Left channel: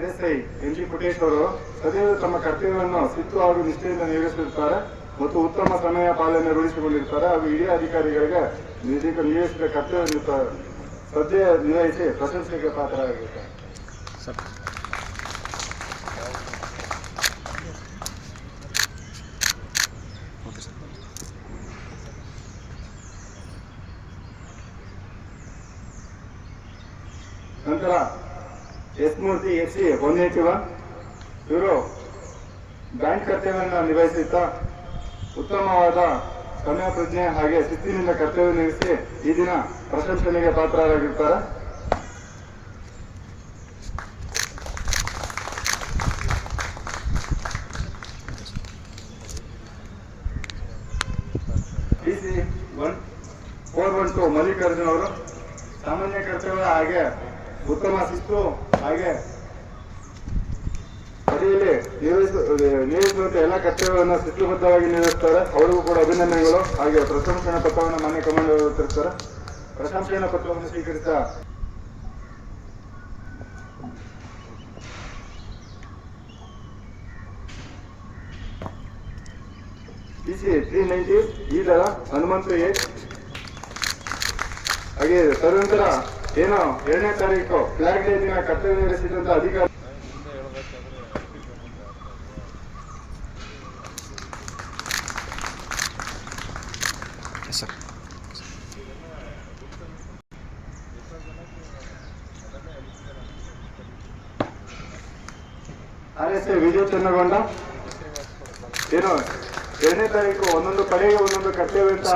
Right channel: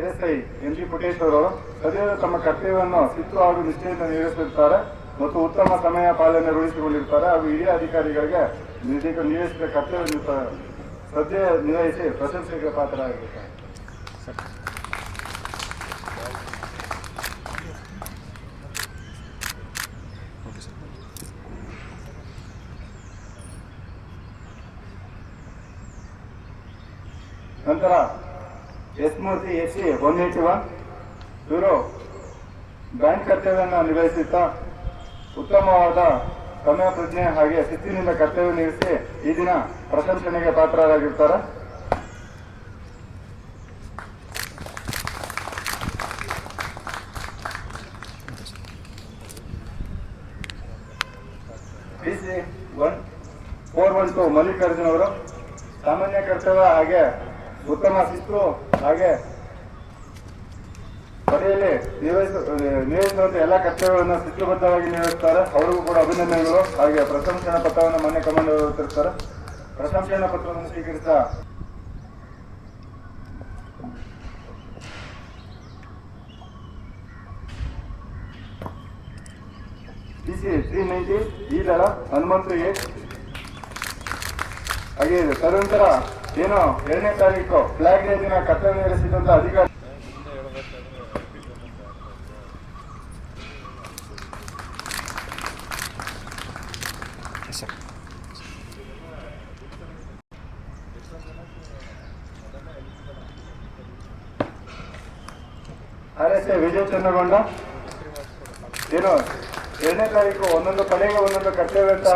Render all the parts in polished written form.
SI M G ಪುಟೇಶ್ ಅವರು ಸದ್ಯದ ತಮ್ಮ ಕರ್ತವ್ಯವನ್ನು ಶಿಸ್ತು ಹಾಗೂ ನಿಷ್ಠೆಯಿಂದ ನಿರ್ವಹಿಸಿರುತ್ತಾರೆ ಮತ್ತು ಉತ್ತಮ ಸಮಯ ಪಾಲನೆ ರೂಢಿಸಿಕೊಂಡಿರ್ತಾರೆ ಹಾಗೂ ಹಿರಿಯ ಅಧಿಕಾರಿಗಳಿಗೆ ನಿರ್ದೇಶಕ ಕರ್ತವ್ಯ ಶ್ರದ್ಧೆ ನಿರ್ವಹಿಸಿ ಪ್ರಶಂಸೆಗೆ ಪಾತ್ರರಾಗಿರುತ್ತಾರೆ. ನಂತರ ಎಸ್ ಮೂರ್ತಿ ಎಸ್ಸಿ 181 ಇವರು ಬ್ಯಾಂಕ್ ಕರ್ತವ್ಯವನ್ನು ನಿರ್ವಹಿಸುತ್ತಾ ಉತ್ತಮವಾದ ಸಮಯ ಪ್ರಜ್ಞೆ ಹಾಗೆ ಶಿಸ್ತಿನಿಂದ ಕರ್ತವ್ಯ ನಿರ್ವಹಿಸಿ ಈ ದಿನ ಪ್ರಶಂಸನೆಗೆ ಪಾತ್ರರಾಗಿರ್ತಾರೆ. PC 412 ಮಲ್ಲಿಕಾರ್ಜುನ್ ಅವರು ಸಾಮಾನ್ಯ ಕರ್ತವ್ಯ ಹಾಗೆ ಉತ್ತಮ ಶಿಸ್ತು ಹಾಗೆ ಪದವಿಯಲ್ಲಿ ನಿರ್ವಹಿಸುವಂತೆ ಎಲ್ಲ ಕರ್ತವ್ಯವನ್ನು ಶಿಸ್ತುಬದ್ಧವಾಗಿ ನಿರ್ವಹಿಸುತ್ತಾರೆ. ಅವರಿಗೂ ಕೂಡ ಅಭಿನಂದನೆಗಳು ಹಾಗೆ ಪ್ರಶಂಸನಾ ಪತ್ರವನ್ನು ಮಾನ್ಯ ಕಮಾಂಡರ್ ವಿತರಿಸುತ್ತಾರೆ. ಪ್ರಶಂಸನಾ ಪತ್ರವನ್ನು ಸ್ವೀಕರಿಸಿದ PC 390 ಈ ದಳ ಹನುಮಂತು ಎ ಹಾಗೆ ತದನಂತರ ಏನೋ 2ನೇ ತಾರೀಕು ಫ್ಲಾಗ್ ಡೇ ದಿನ ಕರ್ತವ್ಯ ನಿರ್ವಹಿಸಿದಂತ ಅಧಿಕಾರಿ RSI ವಿಜಯ್ ಚನ್ನಗೊಂಡ ಏನು 2ನೇ ತಾರೀಕು ಒಂದೊಂದು ಪಡೆಗೆ ಒಂದೊಂದು ಕರ್ತವ್ಯ ಅಂತ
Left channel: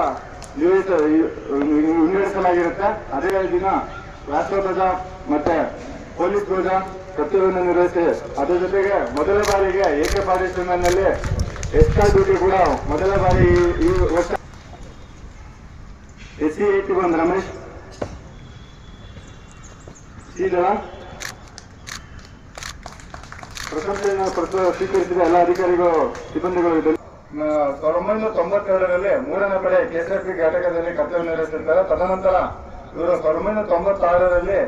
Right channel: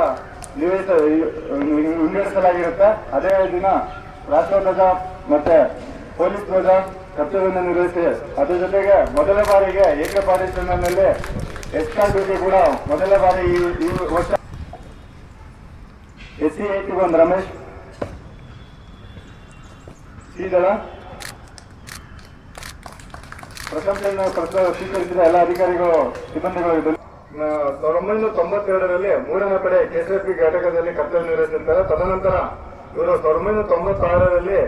ವಿಂಗಡಿಸಲಾಗಿರುತ್ತೆ. ಅದೇ ದಿನ ರಾಷ್ಟ್ರಧ್ವಜ ಮತ್ತೆ ಪೊಲೀಸ್ ಧ್ವಜ ಕರ್ತವ್ಯವನ್ನು ನಿರ್ವಹಿಸಿ ಅದ್ರ ಜೊತೆಗೆ ಮೊದಲ ಬಾರಿಗೆ ಏಕಪಾದೇಶನಲ್ಲಿ ಎಕ್ಸ್ಟ್ರಾ ಡ್ಯೂಟಿ ಕೂಡ ಮೊದಲ ಬಾರಿ ಈ ವರ್ಷ SC 81 ರಮೇಶ್ ಈ ದಳ ಪ್ರಶಂಸೆಯನ್ನು ಸ್ವೀಕರಿಸಿದ ಎಲ್ಲ ಅಧಿಕಾರಿಗಳು ಸಿಬ್ಬಂದಿಗಳು 1992ರಲ್ಲಿ 3ನೇ ಪಡೆ KSRP ಘಟಕದಲ್ಲಿ ಕರ್ತವ್ಯ ನಿರ್ವಹಿಸಿರ್ತಾರೆ. ತದನಂತರ ಇವರು 1996ರಲ್ಲಿ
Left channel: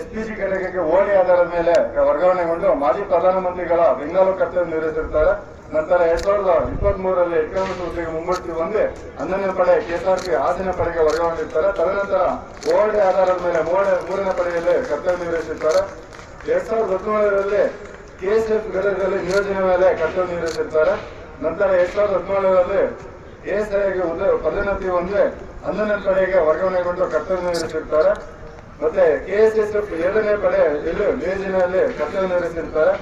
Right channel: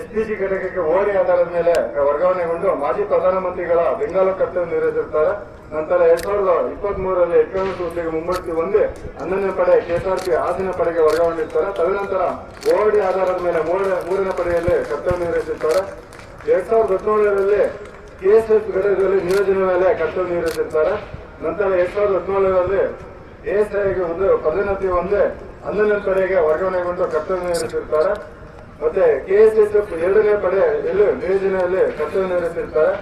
SPG ಘಟಕಕ್ಕೆ ಓಡಿ ಆಧಾರದ ಮೇಲೆ ವರ್ಗಾವಣೆಗೊಂಡು ಮಾಜಿ ಪ್ರಧಾನಮಂತ್ರಿಗಳ ಬೆಂಗಾಲು ಕರ್ತವ್ಯ ನಿರ್ವಹಿಸಿರ್ತಾರೆ. ನಂತರ 2023ರಲ್ಲಿ ಎಕನಾಮಿಕ್ ಹುದ್ದೆಗೆ ಮುಮ್ಮಡಿ ಹೊಂದಿ 11ನೇ ಪಡೆ KSRP ಆದಿನ ಪಡೆಗೆ ವರ್ಗಾವಣೆಯಿರ್ತಾರೆ. ತದನಂತರ ಓಡಿ ಆಧಾರದ ಮೇಲೆ 3ನೇ ಪಡೆಯಲ್ಲಿ ಕರ್ತವ್ಯ ನಿರ್ವಹಿಸಿರ್ತಾರೆ. 2017ರಲ್ಲಿ KSF ಘಟಕದಲ್ಲಿ ನಿಯೋಜನೆ ಮೇಲೆ ಕರ್ತವ್ಯ ನಿರ್ವಹಿಸಿರ್ತಾರೆ. ನಂತರ 2017ರಲ್ಲಿ ASI ಆಗಿ ಪದೋನ್ನತಿ ಹೊಂದಿ 11ನೇ ಪಡೆಗೆ ವರ್ಗಾವಣೆಗೊಂಡು ಕರ್ತವ್ಯ ನಿರ್ವಹಿಸಿರ್ತಾರೆ. ಮತ್ತೆ KSSF 2ನೇ ಪಡೆಯಲ್ಲಿ ನಿಯೋಜನೆಯಲ್ಲಿ ಕರ್ತವ್ಯ ನಿರ್ವಹಿಸಿರ್ತಾರೆ.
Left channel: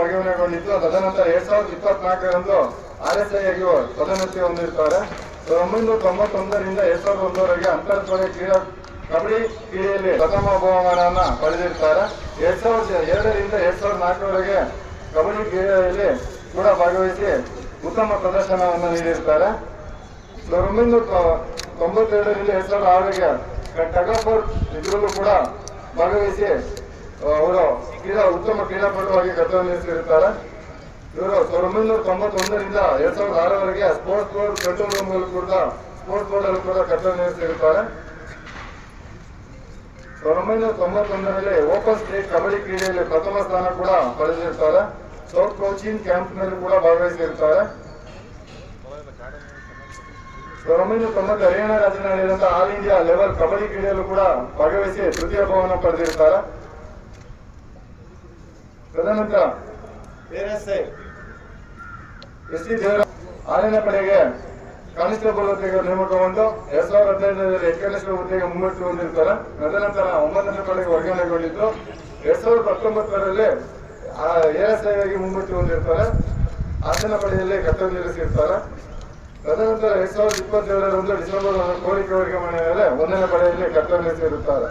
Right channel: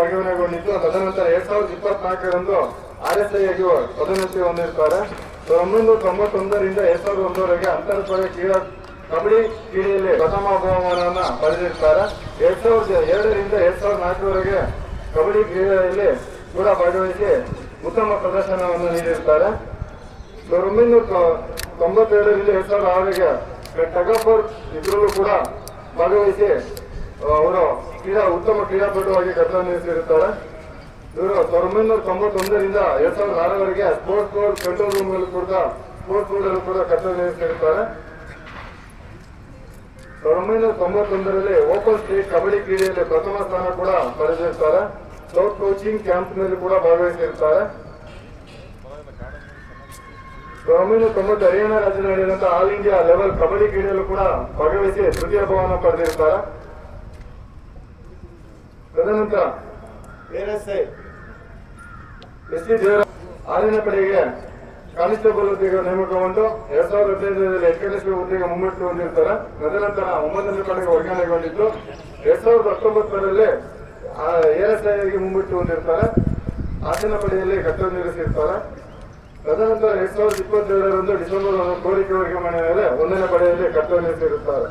ವರ್ಗಾವಣೆಗೊಂಡಿದ್ದು ತದನಂತರ 2024ರಂದು RSI ಆಗಿ ಪದೋನ್ನತಿ ಹೊಂದಿರ್ತಾರೆ. 1991ರಿಂದ 2001ರವರೆಗೆ ಅಂತರ್ಪಡೆ ಕಬಡ್ಡಿ ಕ್ರೀಡೆಯಲ್ಲಿ ಪ್ರಥಮ ಬಹುಮಾನವನ್ನು ಪಡೆದಿರ್ತಾರೆ. 2002ರಿಂದ 2004ರವರೆಗೆ ಕಬಡ್ಡಿ ಕ್ರೀಡೆಯಲ್ಲಿ ಕೂಡ ಭಾಗವಹಿಸಿ ಉತ್ತಮ ಪ್ರದರ್ಶನವನ್ನು ನೀಡಿರ್ತಾರೆ. 1992ರಲ್ಲಿ 2006ಗೆ ಟಗಫರ್ ಇದರಲ್ಲೂ ಕೂಡ ಭಾಗವಹಿಸಿ ಅವರು ಉತ್ತಮ ಕ್ರೀಡಾಪಟುವಾಗಿ ಕರ್ತವ್ಯ ನಿರ್ವಹಿಸಿರುತ್ತಾರೆ. ಇವರು 1991ರಿಂದ 2006ರವರೆಗೆ ಸ್ಪೋರ್ಟ್ಸ್ ಬೋರ್ಡ್ ಕಂಟ್ರೋಲ್ ರೂಮ್ ಕೂಡ ಕರ್ತವ್ಯ ನಿರ್ವಹಿಸಿರುತ್ತಾರೆ. 1991ರಲ್ಲಿ ಓಪನ್ ಸ್ಟೇಟ್ ಕಬಡ್ಡಿ ಕ್ರೀಡೆಯಲ್ಲಿ ಪ್ರಥಮ ಸ್ಥಾನ ಕೂಡ ಪಡೆದಿರ್ತಾರೆ. ಸೌತ್ ಕೋಚಿಂಗ್ ಕ್ಯಾಂಪ್ನಲ್ಲಿ ಕೂಡ ಭಾಗವಹಿಸಿರ್ತಾರೆ. 1990 ಹರಿಯಾಣ ರಾಜ್ಯದಲ್ಲಿ ನಡೆದಂತಹ ಆಲ್ ಇಂಡಿಯಾ ಲೆವೆಲ್ ಕಬಡ್ಡಿ ಕ್ರೀಡೆಯಲ್ಲೂ ಕೂಡ ಭಾಗವಹಿಸಿ ತೃತೀಯ ಬಹುಮಾನ ಪಡೆದಿರ್ತಾರೆ. ತದನಂತರ SC ದೇವರಾಜ್ 6ನೇ ಪಡೆಗೆ ಕಾನ್ಸ್ಟೇಬಲ್ ಹುದ್ದೆಗೆ ನೇಮಕಗೊಂಡು 2015ರಲ್ಲಿ ಹೆಡ್ ಕಾನ್ಸ್ಟೇಬಲ್ ಹುದ್ದೆಗೆ ಮುಮ್ಮಡಿ ಹೊಂದಿರ್ತಾರೆ. ತದನಂತರ 9ನೇ ಪಡೆಗೆ ವರ್ಗಾವಣೆಗೊಂಡಿದ್ದು 2019ರಲ್ಲಿ ASI ಆಗಿ ಮುಮ್ಮಡಿ ಹೊಂದಿರ್ತಾರೆ. 10ನೇ ಪಡೆಯಲ್ಲಿ ಕರ್ತವ್ಯ ನಿರ್ವಹಿಸಿರ್ತಾರೆ. ತದನಂತರ 2022ರಂದು ಡಿಸೆಂಬರ್ ಕೋರಿಕೆ ವರ್ಗಾವಣೆ ಮೇಲೆ 1ನೇ ಪಡೆಯಲ್ಲಿ ಕರ್ತವ್ಯ ನಿರ್ವಹಿಸಿರುತ್ತಾರೆ.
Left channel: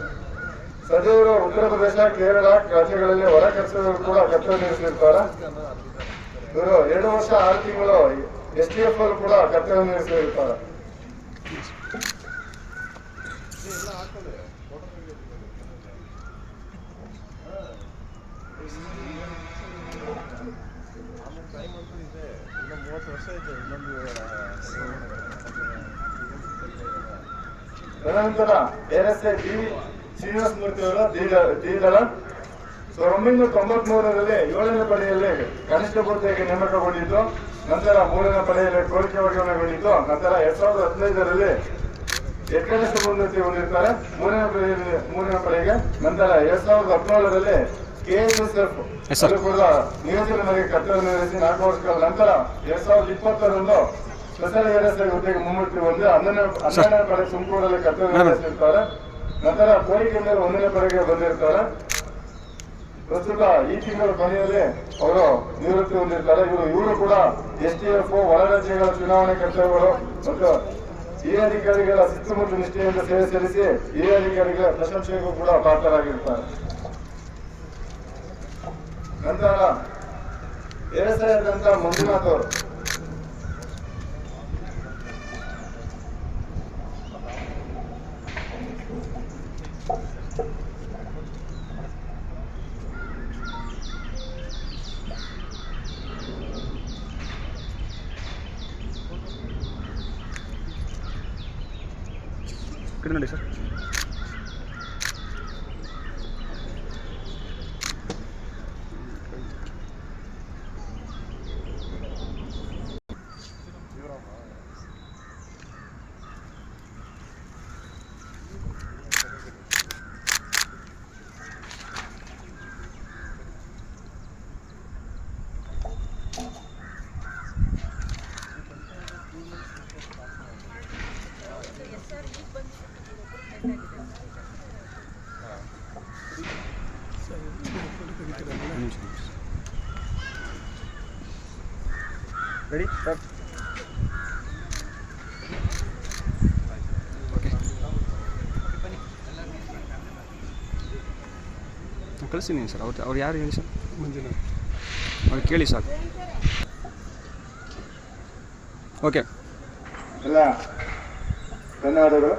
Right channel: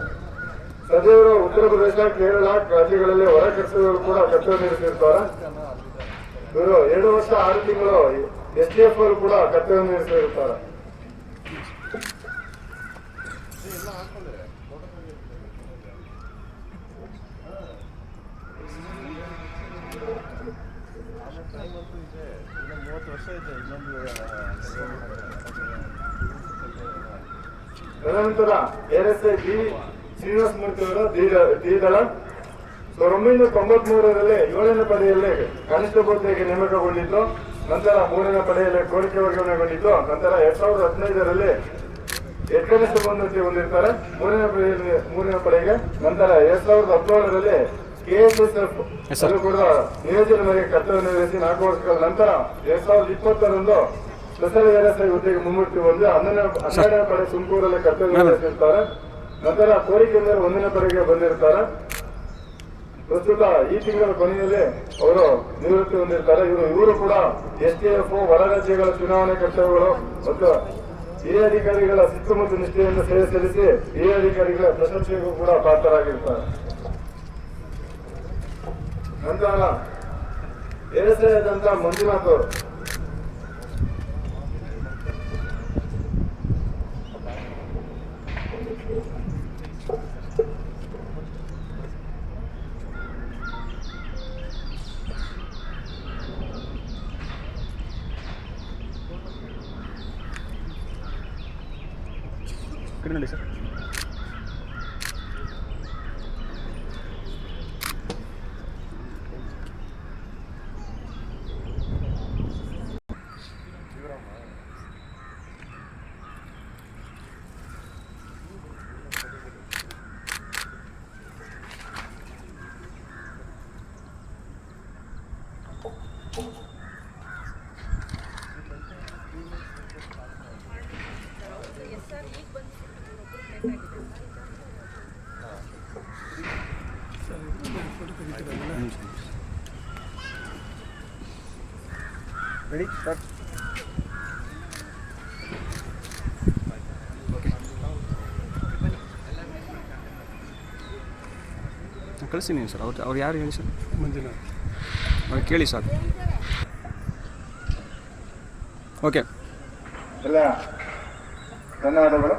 ಸದ್ಯದ ಉತ್ತರ ಪ್ರದೇಶ ಕೇರಳ ರಾಜ್ಯಗಳಲ್ಲಿ ಹೊರ ಕರ್ತವ್ಯಗಳು ಕೂಡ ಕರ್ತವ್ಯ ನಿರ್ವಹಿಸಿರ್ತಾರೆ. ಇವರು 2 ವರ್ಷ 6 ತಿಂಗಳು STF ಅವರು ಕೂಡ ಕರ್ತವ್ಯ ನಿರ್ವಹಿಸಿರುತ್ತಾರೆ. ತದನಂತರ RSI ಶ್ರೀನಿವಾಸ ಮೂರ್ತಿ ಅವರು ಡಿ ದಳ 1993ರಲ್ಲಿ 7ನೇ ಪಡೆಯಲ್ಲಿ ಕನಿಷ್ಠ ಹುದ್ದೆಗೆ ನೇಮಕಗೊಂಡಿದ್ದು, ನಂತರ 3ನೇ ಪಡೆಯಲ್ಲಿ ಕೋರಿಕೆ ವರ್ಗಾವಣೆಗೊಂಡಿದ್ದು, ನಂತರ 2015ರಲ್ಲಿ ಕನಿಷ್ಠ ಉನ್ನತಿ ಹೊಂದಿರ್ತಾರೆ 3ನೇ ಪಡೆಗೆ. ನಂತರ 2017ರಲ್ಲಿ KSSF ಕೂಡ ನಿಯೋಜನೆ ಮೇಲೆ ಕರ್ತವ್ಯ ನಿರ್ವಹಿಸಿ 4 ವರ್ಷಗಳ ನಂತರ 2020ರಂದು ಸ್ಪೆಷಲ್ ASI ಹುದ್ದೆಗೆ ಮುಮ್ಮೂರ್ತಿ ಹೊಂದಿ 12ನೇ ಪಡೆ ತುಮಕೂರಲ್ಲಿ ಕರ್ತವ್ಯ ನಿರ್ವಹಿಸಿರ್ತಾರೆ. ನಂತರ ಕೋರಿಕೆ ಮೇಲೆ 1ನೇ ಪಡೆಗೆ ಬಂದಿರ್ತಾರೆ. ಪ್ರಸ್ತುತ ಈ ತಿಂಗಳ ಕೊನೆಯಲ್ಲಿ ಅವರು ನಿವೃತ್ತಿ ಹೊಂದಿರ್ತಾರೆ. ಇವರು ಕೂಡ STF ಹೊರ ರಾಜ್ಯಗಳ ಚುನಾವಣೆ ಕರ್ತವ್ಯಗಳು ಮತ್ತು ಈ ಅಧಿಕಾರಿಗಳ ಶಿಸ್ತು ಮತ್ತು ನಿಷ್ಠೆಯಿಂದ ಸೇವೆ ಸಲ್ಲಿಸಿ ಈ ಅಧಿಕಾರಿಗಳ ಪ್ರಶಂಸೆಗೂ ಕೂಡ ಪಾತ್ರರಾಗಿರ್ತಾರೆ. ನಂತರ ASI ಆದಂತ ಮಂಜುನಾಥ್ ಅವರು ನೋಡಿ ಸರ್. Ready start. ಕಳಿಸ್ತೀನಿ ಸರ್. ಅವ್ರು ಯಾರು ಹೇಳಿ ಸರ್? ಅವ್ರು ಕೇಳಿ ಸಾಕು. ಓಕೆ, ಎಲ್ಲ ಧನ್ಯವಾದಗಳು.